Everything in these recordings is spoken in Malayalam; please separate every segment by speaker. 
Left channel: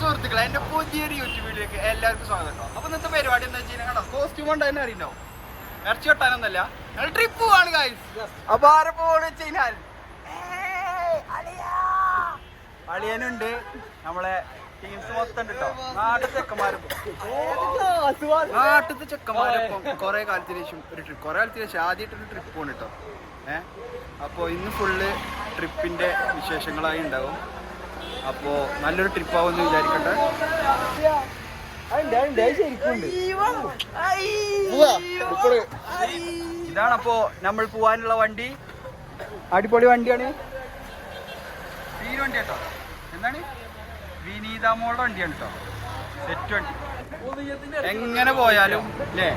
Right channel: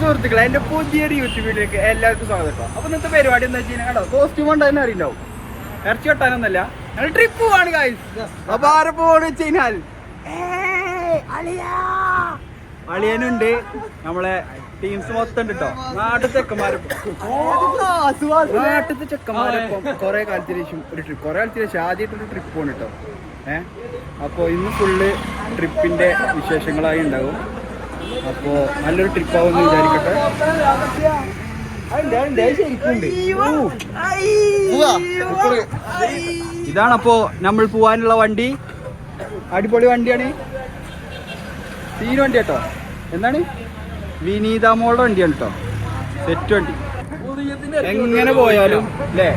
Speaker 1: സുഹൃത്തുക്കളെ എന്റെ പുതിയൊരു യൂട്യൂബ് വീഡിയോക്ക് എല്ലാവർക്കും സ്വാഗതം കേട്ടോ. അപ്പൊ ഇന്നത്തെ പരിപാടി എന്താ വെച്ചാൽ കേട്ടോ കോസ്റ്റ്യൂം കൊണ്ട് തന്നെ അറിയുണ്ടാവും ഇറച്ചി കെട്ടാനൊന്നല്ല ഞങ്ങൾ ട്രിപ്പ് പോവാണ് ഗായ്സ് അപ്പൊ ആരെ പോവാണ് വെച്ച് കഴിഞ്ഞാൽ? അളിയനുണ്ട് നമ്മളെ ടീംസ് മൊത്തം ഉണ്ട് കേട്ടോ. നാട്ടിൽ ചെക്കന്മാരൊപ്പം നാട്ടിലത്തെ ചെക്കന്മാരൊപ്പം കുറേ കാലത്തിന് ഒരു ട്രിപ്പ് കൊറേ കാലത്തിന് ശേഷം ആദ്യമായിട്ടൊരു ട്രിപ്പ് പോണ് കേട്ടോ. ഏഹ് അപ്പോൾ ഇന്ന് ഫുള്ള് ട്രിപ്പിന്റെ വിശേഷങ്ങളായി ഉണ്ടാവും. അപ്പോ നല്ലൊരു ട്രിപ്പ് ആവുമെന്ന് വിചാരിക്കട്ടെ. ഇതാണപ്പോ നമ്മൾ പോവാനുള്ള വണ്ടി. അടിപൊളി വണ്ടിയാണ്. സീൻ വണ്ടി കേട്ടോ. എന്താണ്? വിനീത മോളുടെ വണ്ടിയാണ് കേട്ടോ. സെറ്റ് വണ്ടി. എങ്ങനെ പോയാലും അല്ലേ?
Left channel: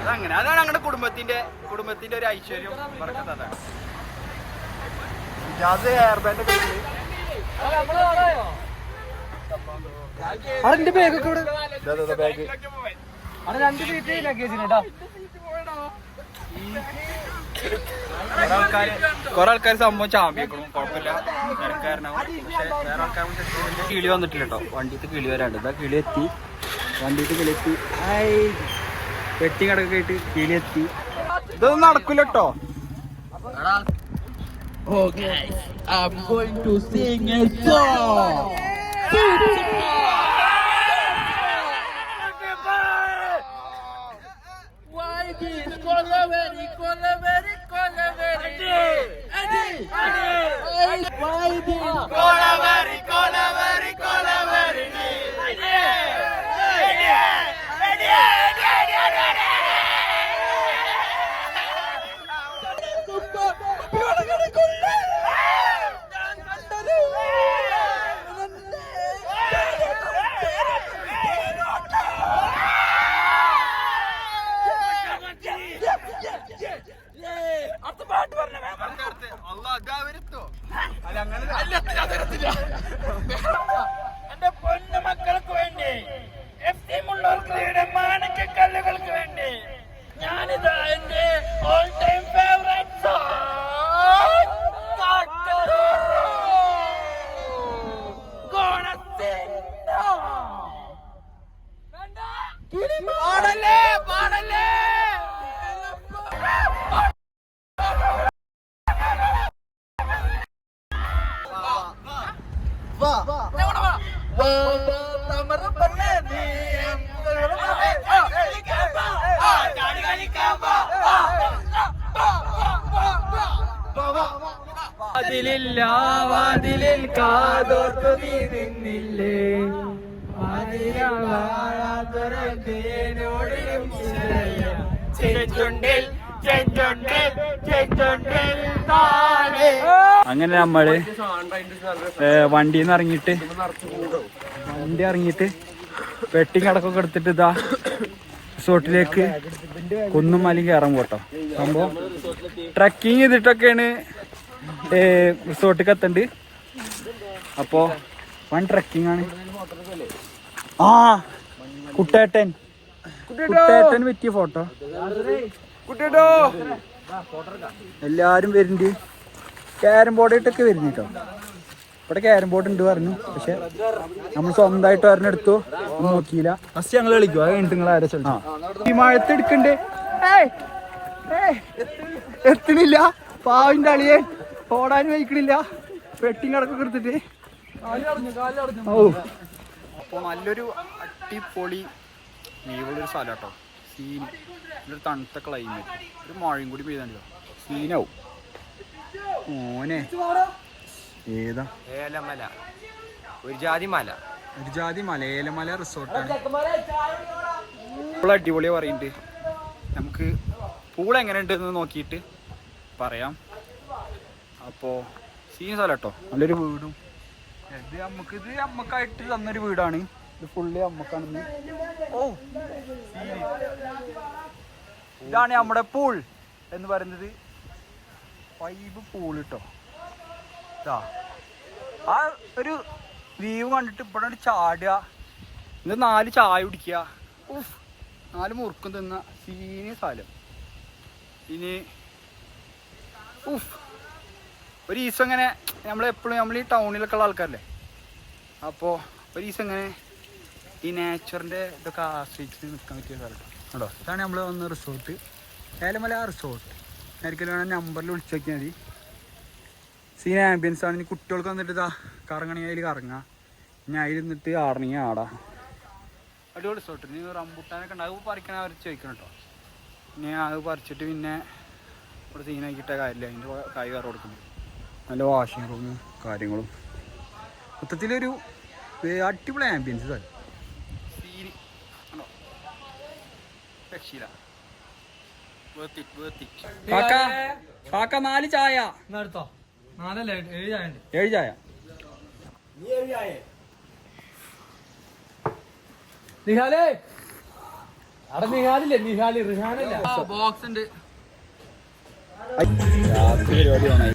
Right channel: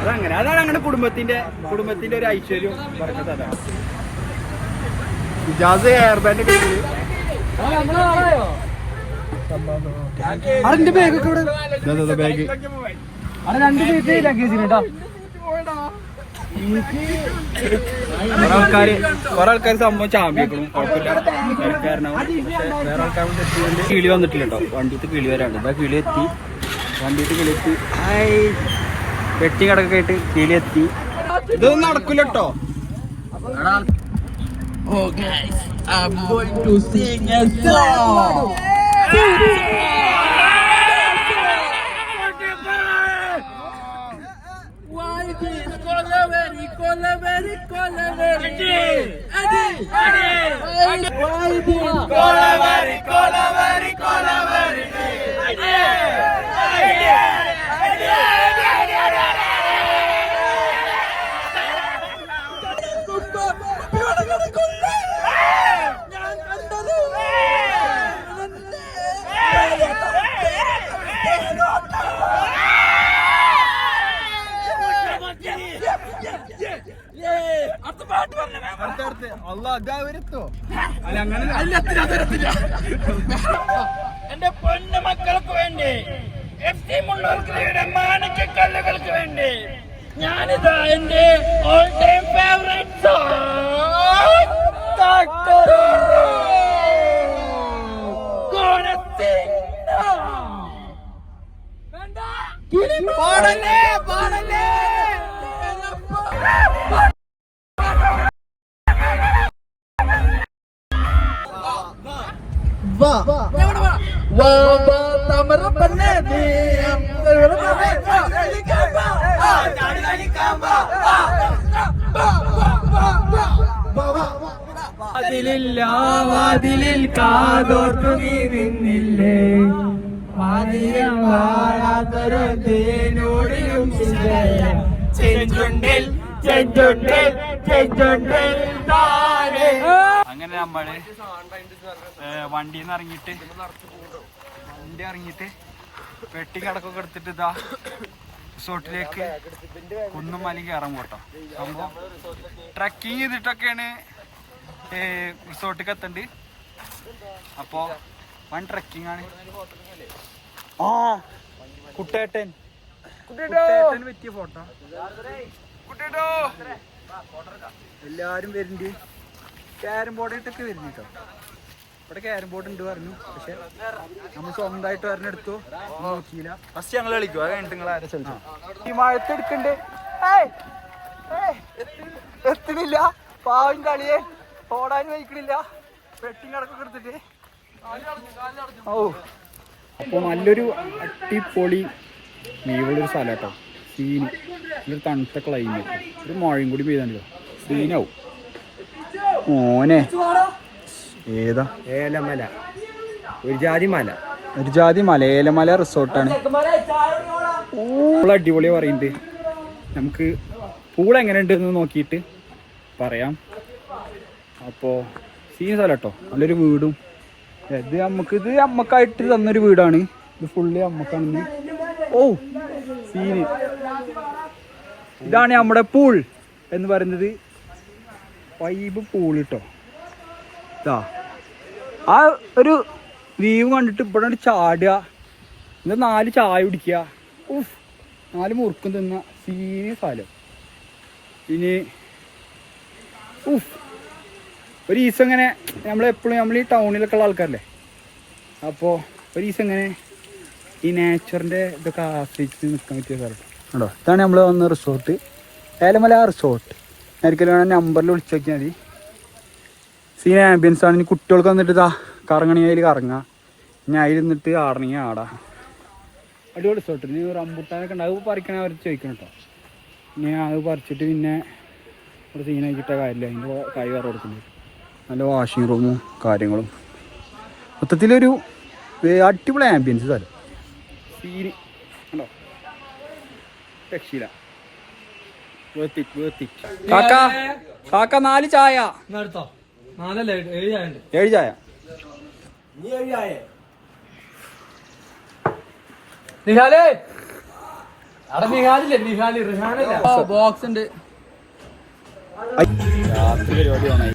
Speaker 1: അതങ്ങനെ അതാണ് അങ്ങനെ കുടുംബത്തിന്റെ കുടുംബത്തിന്റെ ഒരു ഐശ്വര്യം. പറഞ്ഞത് അതാണ് ഇജാസ് എയർ ബാൻഡ് കയ്യിൽ അതിന്റെ ബാഗൊക്കെ ഇവിടെ. ബാഗ് രണ്ട് സീറ്റ് ലഗേജ് കേട്ടോ കുറെ ആൾക്കാർ സംഭവം ചാമ്പിക്കണം കുഴപ്പമില്ല തിരക്കാരനാവും പക്ഷെ വേറെ ആൾക്കാരും തെറ്റിയുണ്ട് കിളി വന്നിട്ടില്ല കേട്ടോ. വണ്ടിക്ക് കിളി വരാണ്ട് ഇതാ കിളി എത്തി. വണ്ടിക്ക് കിളി എത്തി. വെട്ടി കിടക്കായിട്ട് കിളി എത്തി. ഇതൊന്നും നടക്കില്ല കേട്ടോ.
Speaker 2: Oh guys, I'm going to sing a
Speaker 3: song.
Speaker 2: Why is it Colaveri, Colaveri, Colaveri?
Speaker 3: Adi! Adi! Why is it Colaveri,
Speaker 4: Colaveri?
Speaker 1: അല്ല അങ്ങനെ
Speaker 2: എന്റെ പൊന്നു മക്കൾക്ക് വേണ്ടി എഫ് ടി മുള്ളൂർക്കരയുടെ മാണിക്കക്കല്ലുകൾക്ക് വേണ്ടി ഞാനിതാ എന്റെ ഓൾ ടൈം ഫേവറേറ്റ് പാടല്ലേ
Speaker 5: വാതിലിൽ കാതോർത്തു നീ നിന്നില്ലേ?
Speaker 1: അങ്ങനെ നമ്മൾ വണ്ടിയിൽ ഇറങ്ങിട്ട് വണ്ടി ഇറങ്ങിട്ട് വെട്ടിങ് കടക്കൊക്കെ എടുത്തിട്ട് ഇതാ റിസോർട്ടിലേക്ക് കുന്നും മലയും കയറാൻ പോട്ടോ. സംഭവം ട്രക്കിങ് ചെയ്തിട്ടൊക്കെയാണ് റിസോർട്ടിലേക്ക് എത്തണ്ട്. അപ്പോ വൺ ട്രക്കിംഗ് ആണ്. ആ കുട്ടേട്ടൻ. കുട്ടേട്ടൻ പറ്റിയ ഫോട്ടോ. കുട്ടേട്ടോ. എല്ലാരും വരുന്നുണ്ട്. ക്യാരം ബോർഡായിട്ടൊക്കെ വരുന്നു കേട്ടോ ഇവിടെ ക്യാരം ബോർഡ് ഉണ്ട് പറഞ്ഞു. പക്ഷെ നമ്മൾ സ്വന്തമായിട്ട് ഒന്നും നോക്കിയില്ല. ഫസ്റ്റ് ഞങ്ങൾ കളിക്കും. അത് കഴിഞ്ഞിട്ട് നിങ്ങൾ ആരെ ഈ മഴത്ത് എടുക്കണ്ട്. എത്തണില്ല. പാവിന്റെ അളിയെ ഓടാനും വഹിക്കണില്ല വെട്ടിങ് അടക്കം എടുത്തിട്ട്. ഓ. അപ്പോൾ നല്ലൊരു അടിപൊളി മീവുള്ളൊരു സ്ഥലം കേട്ടോ. സീന് നല്ലൊരു തണുത്ത ക്ലൈമറ്റ് ഒരു മഴയും കൂടി പെയ്താണല്ലോ സീനാവും. ഓനെ ഏതാ?
Speaker 3: ഏലമല. ഒരു ജാതി മല.
Speaker 1: ഒരു ജാതി മല. ഏലമല റിസോർട്ടാണ്. അടിപൊളിയാ അടിപൊളി പറയുന്നുണ്ട്. നമുക്ക് പൂൾ എങ്ങനെ ഉണ്ടെന്ന് നോക്കിയിട്ട് പറയാം. അപ്പോൾ സീൻ സ്ഥലം കേട്ടോ നല്ലൊരു വീടും. ഇത് നമുക്ക് ഇത് അമ്മക്കായിട്ട് തന്നൊരു വീടാണ്. ഇത് ഫുള്ള് അമ്മക്കാണെന്ന് ഓ സീന് ഇതാണ് നമ്മുടെ പൂൾ എന്ന് പറയുന്നത് വൈബ് പൂൾ കേട്ടോ ഇതാ. ആ ഒരു വ്യൂ കണ്ടിട്ട് ഇവിടെ ചാടുക. എന്നിട്ട് നാല് ചായ കുടിക്കുക. ഉഫ് നാല് മുറുക്കും തിന്ന സീനിയ സ്ഥലം. ഇനി ഉഫ്.
Speaker 2: ഒരു ദിവസം ഇങ്ങനെ നമ്മളെപ്പോഴും നമ്മൾ ഈ ടൗണിലൊക്കെ ഉള്ള ആൾക്കാരല്ലേ? അപ്പോൾ ഒരു ദിവസം ഇങ്ങനെ ഈ നേച്ചറിന്റെ ഇതൊക്കെ ആസ്വദിച്ച് നിൽക്കാൻ പറ്റിയ സ്ഥലം ഉണ്ടോ ഇതാണ് നമ്മൾ വന്ന റിസോർട്ട് ഏലമല റിസോർട്ട് ഒരിക്കലും വേണം നമ്പറിൽ വിളിച്ചു നോക്കിയാൽ മതി. സീൻ ആംബിയൻസ് ആണ്. ഇനി കുട്ടികൾക്ക് വന്നിട്ട് ഇതാ കറങ്ങണമെങ്കിൽ അതിൽ കറങ്ങാം. ഇനി അതിലിരുന്നിട്ട് ആടണി ആടാം. അടിപൊളി റിസോർട്ട് ഇനി റംബുട്ടാനൊക്കെ ഉണ്ട്. അത് പറിക്കണ അവർ ചോദിക്കണം കേട്ടോ. ഇനി അത് പറിച്ചിട്ട് പിന്നെ ഇവിടെ സീനാക്കിയിട്ട കാര്യമില്ല. അതിന്റെ കൈ കറ കൊടുക്കുന്നത് നല്ല വാഷിംഗ് റൂമും കാര്യങ്ങളും. മൊത്തത്തിലൊരു അടിപൊളി ആംബിയൻസ് സ്ഥലം സീന് ഉണ്ടോ രക്ഷയില്ല. വേർത്തി വേർത്തി കാക്ക കാക്ക നാല് ചായ.
Speaker 5: ഏഴ്
Speaker 2: ചായ ബോക്സ് ഉണ്ട്. രാത്രി പരിപാടി ഓണായി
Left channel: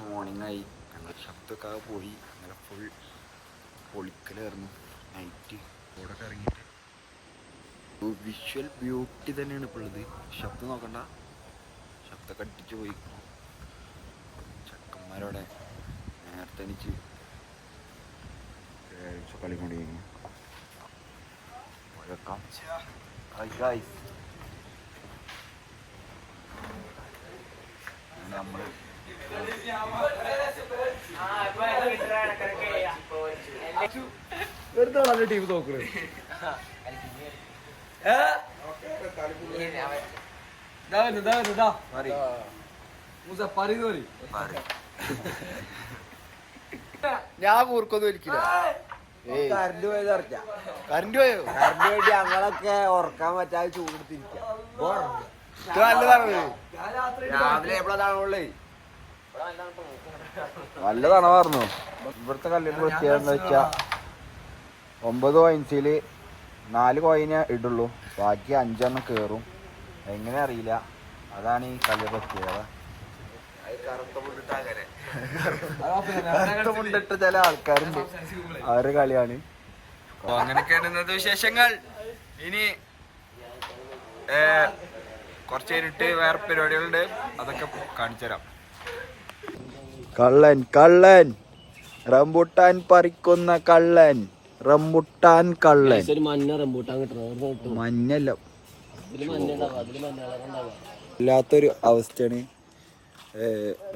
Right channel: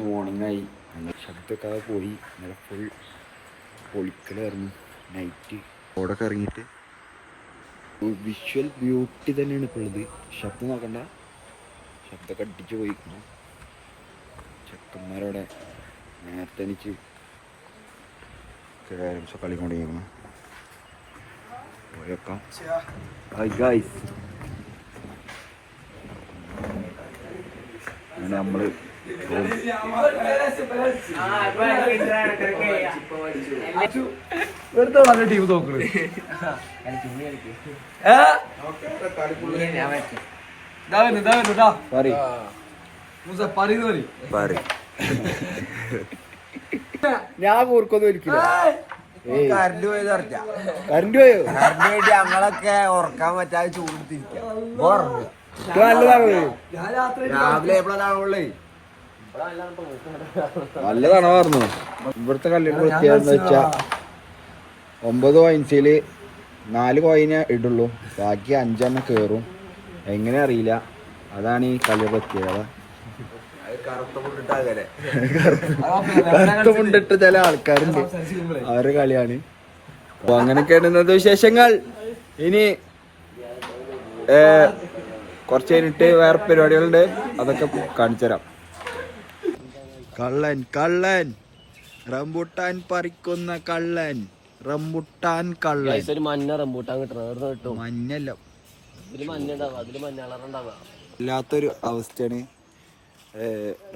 Speaker 1: പിറ്റേ ആയി മോർണിംഗായി ഞങ്ങൾ ശബ്ദമൊക്കെ ആകെ പോയി. ഇന്നലെ ഫുൾ പൊളിക്കലായിരുന്നു. നൈറ്റ് റോഡൊക്കെ ഇറങ്ങിയിട്ട് വിഷ്വൽ ബ്യൂട്ടി തന്നെയാണ് ഇപ്പോൾ ഉള്ളത്. ശബ്ദം നോക്കണ്ട. ശബ്ദമൊക്കെ അടിച്ചു പോയിക്കുന്നു ചെക്കന്മാരവിടെ നേരത്തെ എനിക്ക് കളി കളിക്കൊണ്ടിരിക്കുന്നു പോയേക്കാം ഹായ് ഗായ്സ് അങ്ങനെ നമ്മൾ പോകും.
Speaker 5: വെറുതെ നല്ല ടീം നോക്കുന്നത്
Speaker 1: ഞാൻ ഓർക്കൊന്നും കറണ്ട് പോയോ?
Speaker 3: ഉറക്കാൻ പറ്റാതെ രാവിലെ എപ്പോഴാണുള്ളേ
Speaker 1: നല്ലതാണ് പറഞ്ഞു ഇവിടുത്തെ കല്ലിന്റെ വൃത്തിയാണെന്ന് വെച്ചാ ഒമ്പത് കോയിൻസിൽ നാല് കോയിനെ ഇടുള്ളൂ. ബാക്കി അഞ്ചെണ്ണം കേറും. എങ്ങനെ അറിയില്ല. അതാണ് ഈ കല്ല് പ്രത്യേകത. കറുത്ത മുണ്ടിട്ട് ചില ആൾക്കാരുണ്ട്. അവരുടെ കളിയാണ്. അപ്പൊ അങ്ങനെയൊക്കെയാണ് ഇന്നത്തെ വിശേഷങ്ങൾ. ഇനി കുറച്ച് കഴിഞ്ഞിട്ട് വേറെ പരിപാടികളുണ്ട്. അതൊക്കെ കാണിച്ചു തരാം കള്ളൻ കള്ളൻ. റംബുട്ടാൻ പറിക്കുന്ന കള്ളൻ. റംബുട്ടാൻ കള്ളൻ.
Speaker 3: ഒരു മഞ്ഞ റംബൂട്ടാൻ കിട്ടണം.
Speaker 1: മഞ്ഞല്ല. ഇല്ലാത്തൊരു അവസ്ഥയാണ്.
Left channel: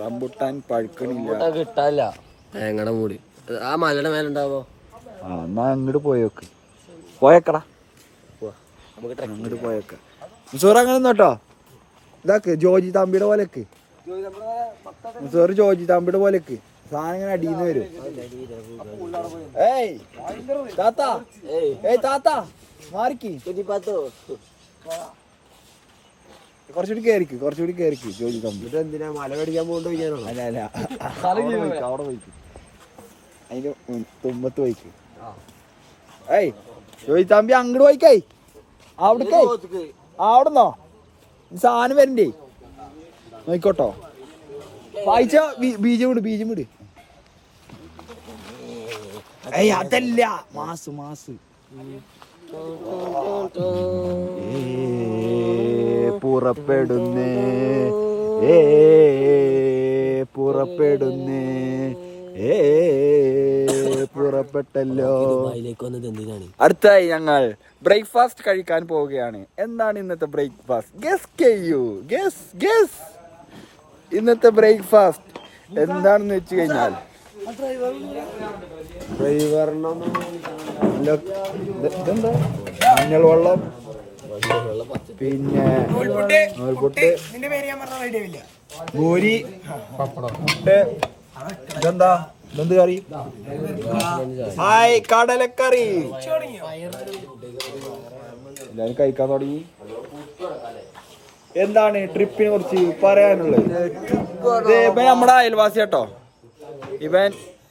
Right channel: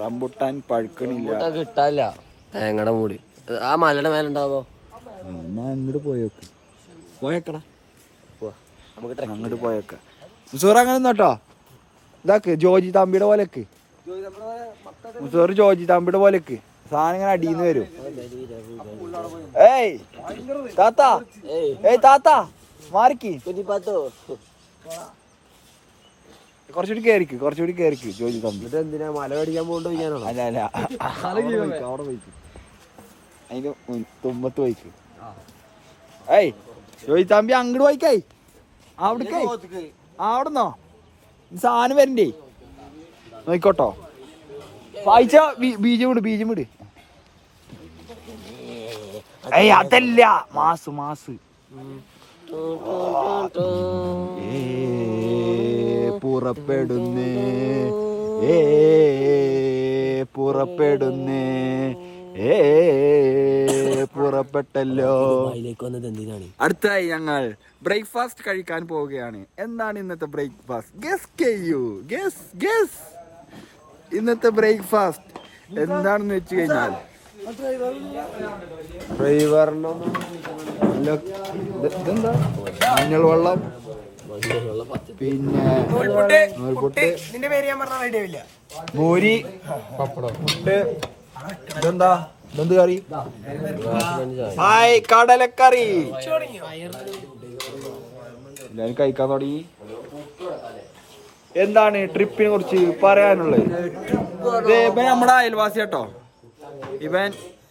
Speaker 1: റംബുട്ടാൻ പഴുക്കണില്ല.
Speaker 3: കിട്ടാല്ല തേങ്ങയുടെ മൂടി. ആ മലയുടെ മേലെ ഉണ്ടാവോ
Speaker 1: ആ, എന്നാ അങ്ങോട്ട് പോയോക്ക് പോയേക്കടാ.
Speaker 3: നമുക്ക്
Speaker 1: അങ്ങോട്ട് പോയേക്ക. മുസൂർ അങ്ങനെ നോട്ടോ ഇതാക്ക് ജോജി തമ്പിയുടെ പോലെക്ക് മുസൂർ ജോജി തമ്പിയുടെ പോലെക്ക് സാധനം ഇങ്ങനെ അടിയിന്ന് വരും. ഏയ് താത്ത. ഏയ് താത്ത. മാറിക്ക്. കുറച്ചുകൂടി കേറിക്ക് കുറച്ചുകൂടി കേറിക്ക് ജോജി തമ്പി.
Speaker 3: എന്തിനാ മല മേടിക്കാൻ പോകണ്ടോ
Speaker 1: അല്ല അല്ല. അവിടെ പോയിക്ക് അതിന്റെ തുമ്പത്ത് പോയിക്ക്. ഏയ് ജോജി തമ്പി അങ്ങോട്ട് പോയിക്കേ. അവിടേക്കേ. അവിടെന്നോ? സാധനം വരണ്ടേ? നോയിക്കോട്ടോ വായിച്ച ബീജം വിട് ബീജം വിട് ഏയ് അതല്ല. Mass mass. പുറപ്പെടുന്നേ. ഏ പുറപ്പെടുന്നേ. ഏ പുറപ്പെട്ടല്ലോ. അടുത്തായി ഞങ്ങൾ ബ്രേക്ക്ഫാസ്റ്റ് കഴിക്കാൻ പോവുകയാണ്. എന്താണ് ഇന്നത്തെ ബ്രേക്ക്ഫാസ്റ്റ്? ഗസ് ചെയ്യൂ. ഗസ് ഗസ് ഇന്നത്തെ ബ്രേക്ക്ഫാസ്റ്റ് എന്താണെന്ന് വെച്ച് കഴിഞ്ഞാൽ ഇതെന്താ? മഞ്ഞൾ വെള്ളം പിന്നെ നൂൽപുട്ട്. ഭൂരി. മുട്ട് ഇതെന്താ? ഇതെന്ത് കറി? ഹായ് കടലക്കറി. എല്ലാവരും കഴിക്കാൻ തുടങ്ങി. എന്താണ് ട്രിപ്പിനെ കുറിച്ച് പറയാനുള്ളത്? ഇത് ഇവൻ നമ്മുടെ അയൽവാസി കേട്ടോ. ഇവൻ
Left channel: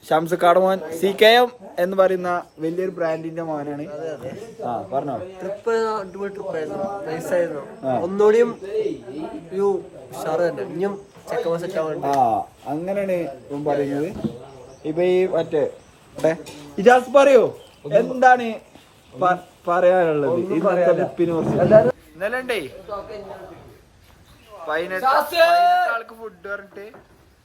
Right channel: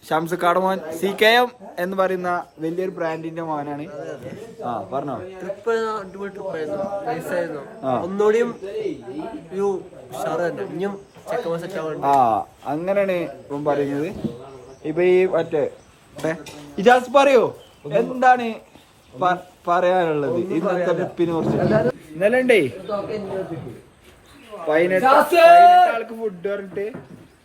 Speaker 1: ഷംസക്കാട് മോൻ സി കെ എം എന്ന് പറയുന്ന വലിയൊരു ബ്രാൻഡിന്റെ മോനാണ്. ആ പറഞ്ഞോ.
Speaker 3: ട്രിപ്പ് അടിപൊളി ട്രിപ്പായിരുന്നു നൈസായിരുന്നു
Speaker 1: ആ.
Speaker 3: ഒന്നുകൂടിയും ഒരു ഉഷാറ് തന്നെ. ഇനിയും ചെക്കമ്മ സെറ്റ് ആവാണ്ട്
Speaker 1: ആ അങ്ങനെയാണ് ഇവൻ പറയുന്നത്. ഇപ്പൊ ഈ മറ്റേ ഇജാസ് പറയോ. എന്താണ് പറയാനുള്ളത്? ഇന്നത്തെ ട്രിപ്പിനെ കുറിച്ച്. ഇന്നലെ ഉണ്ടേ പതിനെട്ട് ആൾക്ക് ഫുഡ് പറഞ്ഞിട്ട്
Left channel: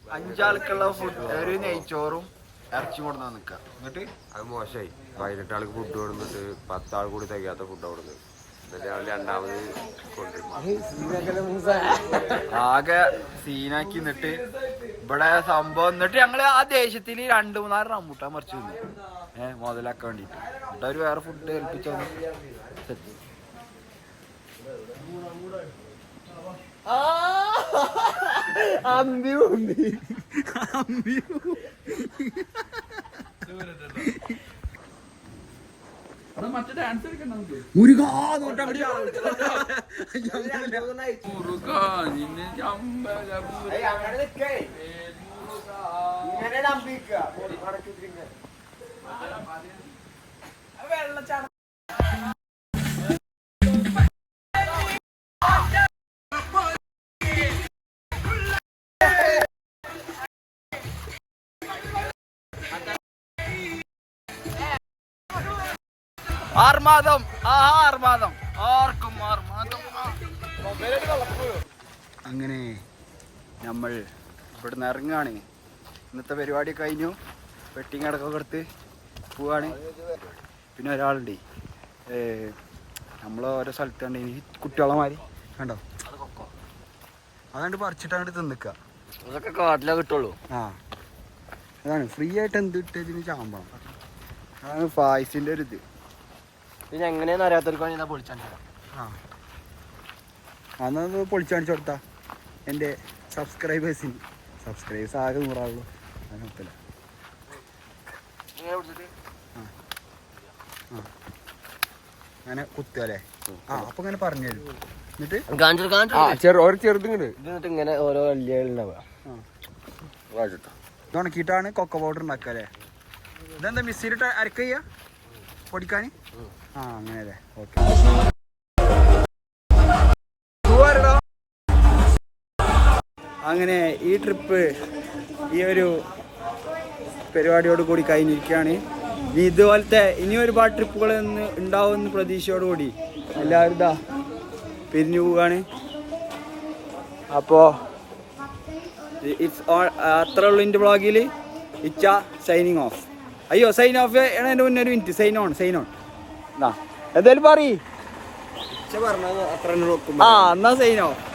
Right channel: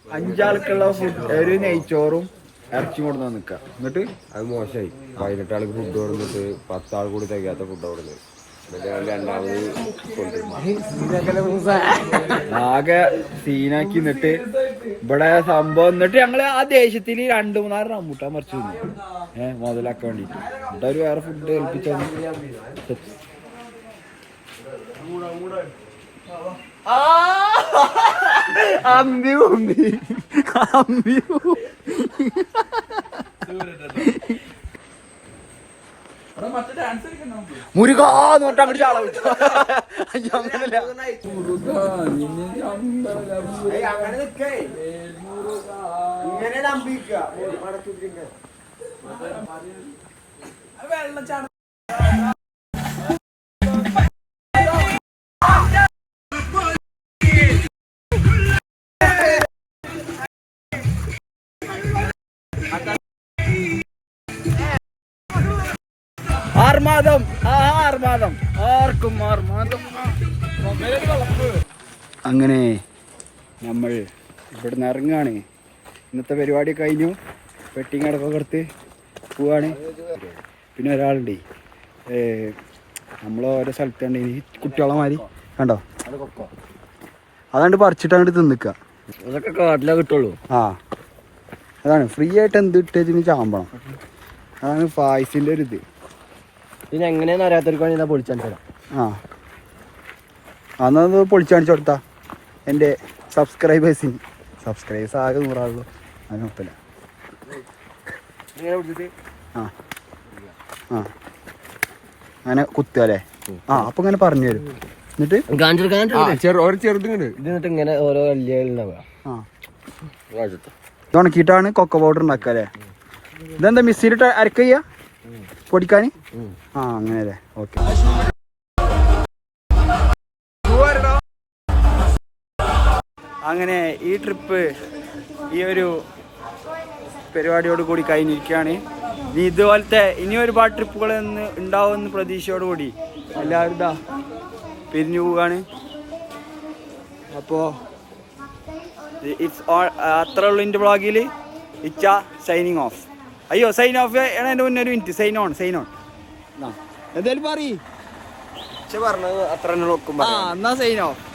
Speaker 1: അഞ്ചാൾക്കുള്ള ഫുഡ് ഒരു നെയ്ച്ചോറും ഇറച്ചി കൊടുന്ന നിക്ക എന്നിട്ട്?
Speaker 4: അത് മോശമായി. പതിനെട്ട് ആൾക്ക് ഫുഡ് കൊടുത്തിട്ട് പത്താൾ കൂടി തികയാത്ത ഫുഡ് കൊടുത്ത് രണ്ടാമത് കൊണ്ടുവരും
Speaker 1: ആകെ സീനാക്കി എന്നിട്ട് ഇവിടെ സംഭവം എന്നിട്ട് ഞങ്ങൾ ആ ദേശത്തിൽ രണ്ടു മൂന്നാറ് റംബൂട്ടാൻ മറിച്ചു തിന്നു. ഏഹ് മുതലാക്കാൻ വേണ്ടിട്ട്. എന്നിട്ട് അവർ വേറെ ഫുഡ് ഏൽപ്പിച്ചു അമ്പി ഉമ്പി അമ്പി മുരുകാന്ന് പറഞ്ഞിട്ട് അങ്ങോട്ട് ചാള വിട്ടു. അങ്ങനല്ല ആർമാദം. ആർമാദം. ആർക്കും ആർമാദം. അങ്ങനെ നമ്മൾ ഇവിടുന്ന് ഇറങ്ങുകയാണ് ഇന്നത്തെ പരിപാടി കഴിഞ്ഞു. വെട്ടിങ് അടക്കം കൊടുത്ത് പോവാണ്. പിന്നെ ഒരാളുണ്ട്. നമ്മൾ ഓരോ സ്ഥലത്തുണ്ട് ഈ കുട്ടികളെ മാതിരി കണ്ടോ? അതാണ്ട് പറിച്ചിട്ട് അങ്ങോട്ട് തിന്നിക്കുക
Speaker 3: അതൊക്കെ കാട്ടിലേ കിട്ടുള്ളൂ.
Speaker 1: ആ. അതാണ് ഫ്രീ ആയിട്ട് എന്ത് ഇട്ടതിന് ചാമ്പണം. അതാണ് ഫായ്സിന്റെ ഒരു ഇത്
Speaker 3: പിന്നെ എങ്ങനെയാന്ന് അറിയാത്തവർക്കാണ് ഞാൻ പൊളിച്ചാൻ തരാം.
Speaker 1: ആ. അന്നത് പൊളിച്ചാണിച്ചു കൊടുത്താ. എന്റെ സബ്സ്ക്രൈബേഴ്സിന് സബ്സ്ക്രൈബേഴ്സ് ആകെ നൂറാകുള്ളൂ അതിന് ഒപ്പില്ല ആ. ആ. അങ്ങനെ കുത്തുക അല്ലേ? ആ അപ്പം ഇങ്ങനെ പറഞ്ഞു തരും. എന്നിട്ട്?
Speaker 3: ചെറുതിങ്ങനെ ഇത് എന്നിട്ട് ഇങ്ങനെ ഓരോ വലിയ
Speaker 1: ആ. ഇത് ഉണക്കിയിട്ടാണ് കൊക്ക പൗഡർ ഉണ്ടാക്കുക അല്ലേ? ഇതെന്താ മിക്സിയിലിട്ട് അരക്ക ചെയ്യാ? പൊടിക്കാൻ? ആ അങ്ങനെ അല്ലേ ഓക്കെ അങ്ങനെ ഈ ട്രിപ്പ് ഈ ഒരു പരിപാടിയോട് കൂടി കഴിഞ്ഞിരിക്കുകയാണ്. ഇനി ഇതുപോലത്തെ ഇനി ഒരുപാട് ട്രിപ്പുകൾ ഇന്ന് ഉണ്ടാവുമെന്ന് പ്രതീക്ഷയോടുകൂടി എല്ലാവരും ഇതാ പിരിഞ്ഞു പോവുകയാണ്. അപ്പോൾ ഇറ്റ്സ് അത്ര ഉള്ളൂ എന്റെ ബ്ലോഗിൽ ഇച്ച സൈനിങ് ഓഫ് അയ്യോ സൈൻ ഓഫ് എന്റെ മുന്നേ ഒരു minute sign on sign on എന്നാ എന്തായാലും
Speaker 3: അത്ര
Speaker 1: ആ എന്നാ സൈൻ ഓഫ്